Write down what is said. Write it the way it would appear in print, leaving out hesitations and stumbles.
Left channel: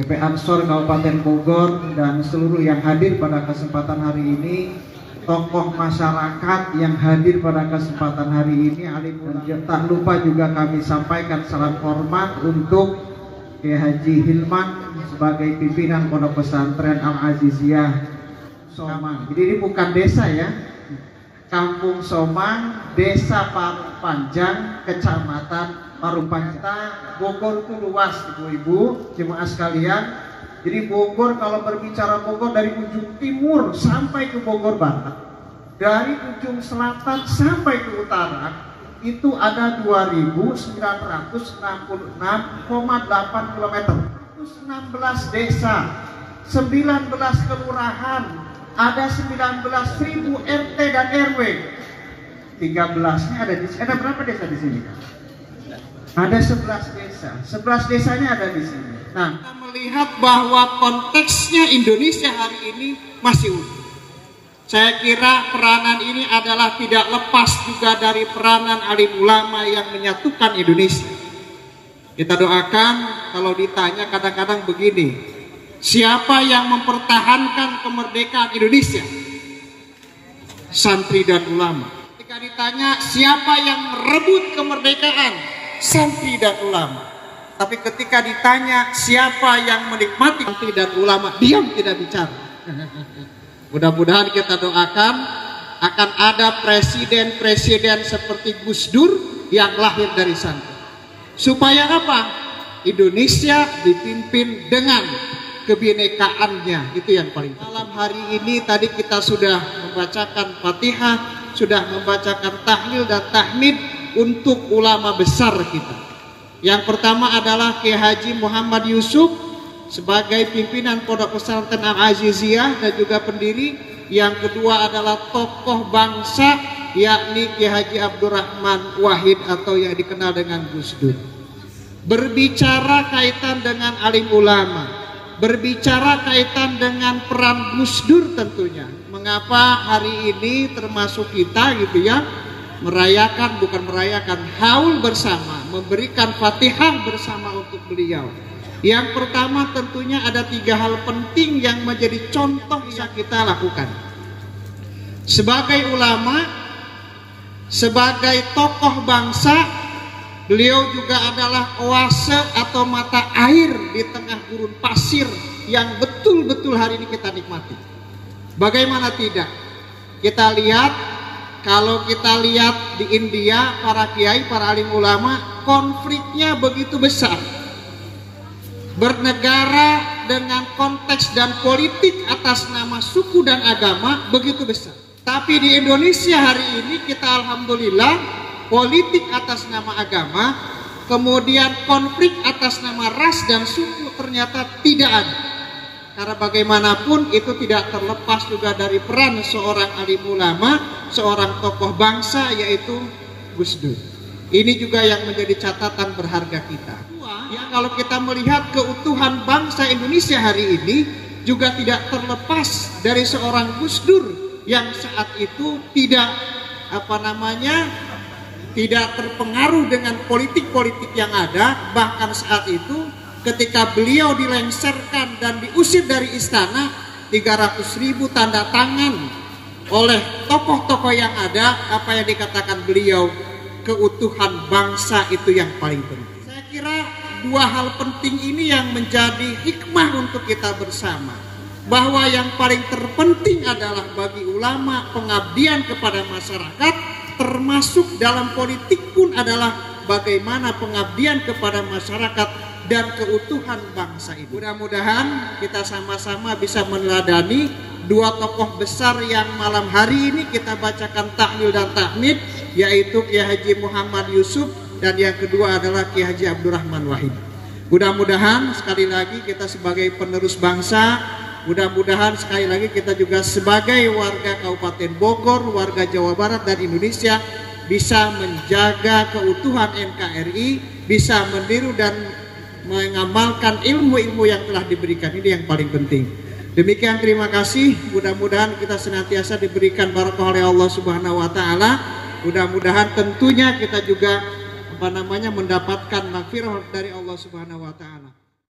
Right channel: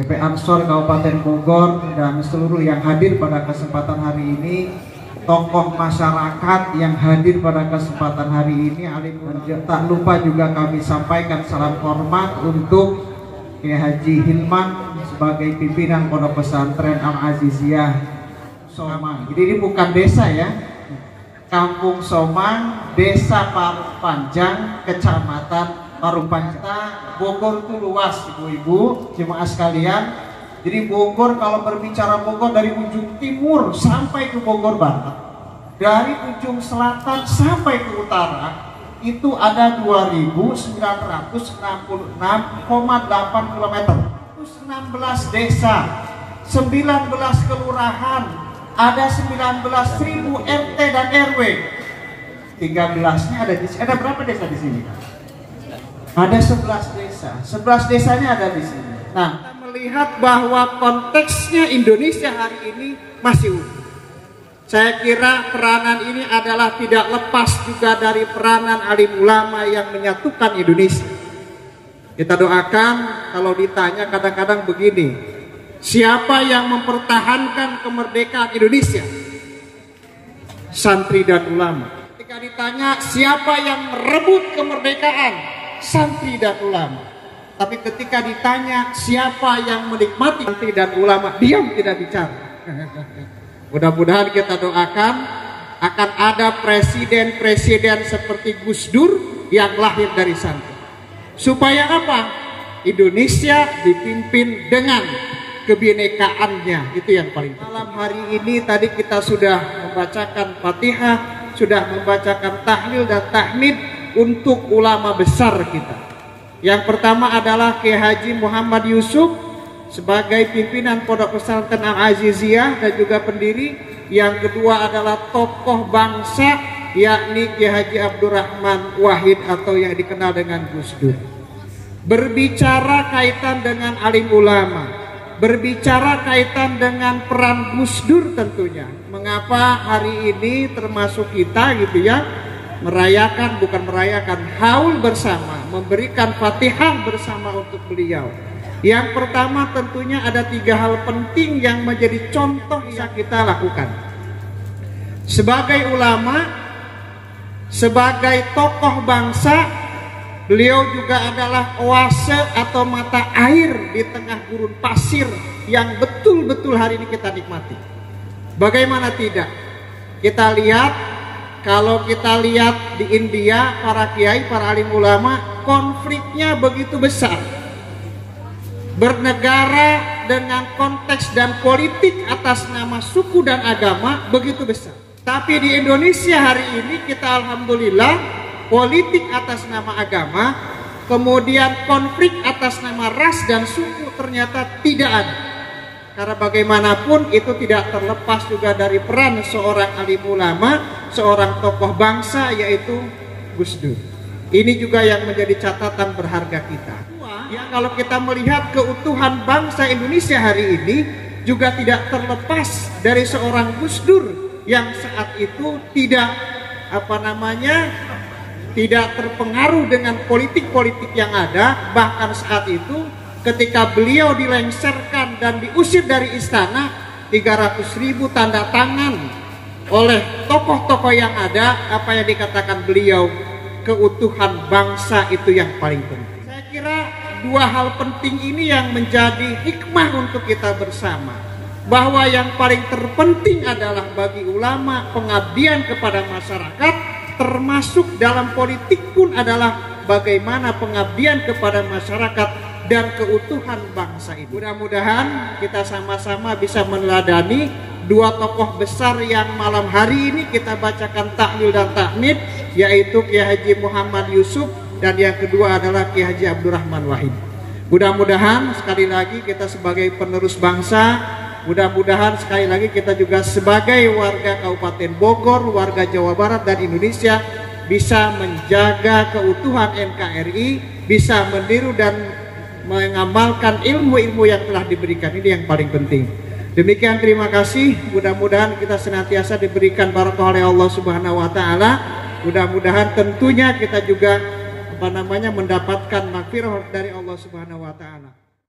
GP Ansor Kabupaten Bogor dan seluruh yang hadir pada kesempatan hari ini, tokoh masyarakat yang hadir pada kesempatan hari ini, dan tak lupa juga kami sampaikan salam hormat untuk Kiai Haji Hilman sebagai pimpinan Pondok Pesantren Al-Aziziyah Somang. Jadi ini bukan desa ya, Kampung Somang, Desa Parung Panjang, Kecamatan Parung Panjang. Bogor itu luas ibu-ibu, jemaah sekalian. Jadi Bogor, kalau berbicara Bogor dari ujung timur sampai ke Bogor Barat, dari ujung selatan sampai ke utara, itu ada 2.966,8 km, 16 desa, 19 kelurahan, ada 19.000 RT dan RW. 13-nya ada di sini. Ada berapa desa di sini? Ada 11 desa. 11 desanya ada di sini. Nah, kita melihat bahwa konteksnya Indonesia hari ini masih utuh. Saya kira peranan ini adalah tidak lepas juga dari peranan alim ulama yang menyatukan Indonesia. Kita doakan, kalau ditanya kadang-kadang begini, siapa yang mempertahankan kemerdekaan Indonesia? Santri dan ulama. Ketika ditanya siapa yang merebut kemerdekaan? Santri dan ulama. Tapi ketika ditanya siapa yang menikmati santri dan ulama, diam, tidak bicara. Mudah-mudahan kita doakan akan ada presiden-presiden seperti Gus Dur yang lahir dari santri. Supaya apa? Indonesia dipimpin dengan kebinekaannya, itu yang paling penting. Malam hari ini tadi kita sudah membacakan Fatihah, sudah membacakan tahlil dan tahmid untuk ulama besar kita. Yang pertama adalah Kiai Haji Muhammad Yusuf sebagai pimpinan Pondok Pesantren Al-Aziziyah dan juga pendiri. Yang kedua adalah tokoh bangsa, yakni Kiai Haji Abdurrahman Wahid atau yang dikenal dengan Gus Dur. Berbicara kaitan dengan alim ulama, berbicara kaitan dengan peran Gus Dur tentunya. Mengapa hari ini termasuk kita gitu ya, haul bersama, memberikan Fatihah bersama untuk beliau. Yang pertama tentunya ada 3 hal penting yang menjadi contoh yang kita lakukan. Sebagai ulama, sebagai tokoh bangsa, beliau juga adalah oase atau mata air di tengah gurun pasir yang betul-betul hari ini kita nikmati. Bagaimana tidak? Kita lihat, kalau kita lihat di India, para kiai, para alim ulama, konfliknya begitu besar. Bernegara dengan konteks dan politik atas nama suku dan agama begitu besar. Tapi di Indonesia hari ini kita alhamdulillah, politik atas nama agama, kemudian konflik atas nama ras dan suku ternyata tidak ada. Karena bagaimanapun itu tidak terlepas juga dari peran seorang alim ulama, seorang tokoh bangsa, yaitu Gus Dur. Ini juga yang menjadi catatan berharga kita. Ya, kalau kita melihat keutuhan bangsa Indonesia hari ini juga tidak terlepas dari seorang Gus Dur yang saat itu tidak tidak terpengaruh dengan politik-politik yang ada. Bahkan saat itu ketika beliau dilengsarkan dan diusir dari istana, 300.000 tanda tangan oleh tokoh-tokoh yang ada, apa yang dikatakan beliau, keutuhan bangsa itu yang paling penting. Saya kira 2 hal penting ini yang menjadi hikmah untuk kita bersama, bahwa yang paling terpenting adalah bagi ulama pengabdian kepada masyarakat, termasuk dalam politik pun adalah bagaimana pengabdian kepada masyarakat dan keutuhan bangsa itu. Mudah-mudahan kita sama-sama bisa meneladani 2 tokoh besar yang malam hari ini kita bacakan tahlil dan tahmid, yaitu Kiai Haji Muhammad Yusuf dan yang kedua adalah Kiai Haji Abdurrahman Wahid. Mudah-mudahan sekali lagi kita sebagai penerus bangsa, mudah-mudahan sekali lagi kita juga sebagai warga Kabupaten Bogor, warga Jawa Barat dan Indonesia bisa menjaga keutuhan NKRI, bisa meniru dan mengamalkan ilmu-ilmu yang telah diberikan. Ini yang paling penting. Demikian, terima kasih. Mudah-mudahan kita senantiasa diberikan barakah oleh Allah Subhanahu wa taala. Mudah-mudahan tentunya kita juga mendapatkan magfirah dari Allah Subhanahu wa taala.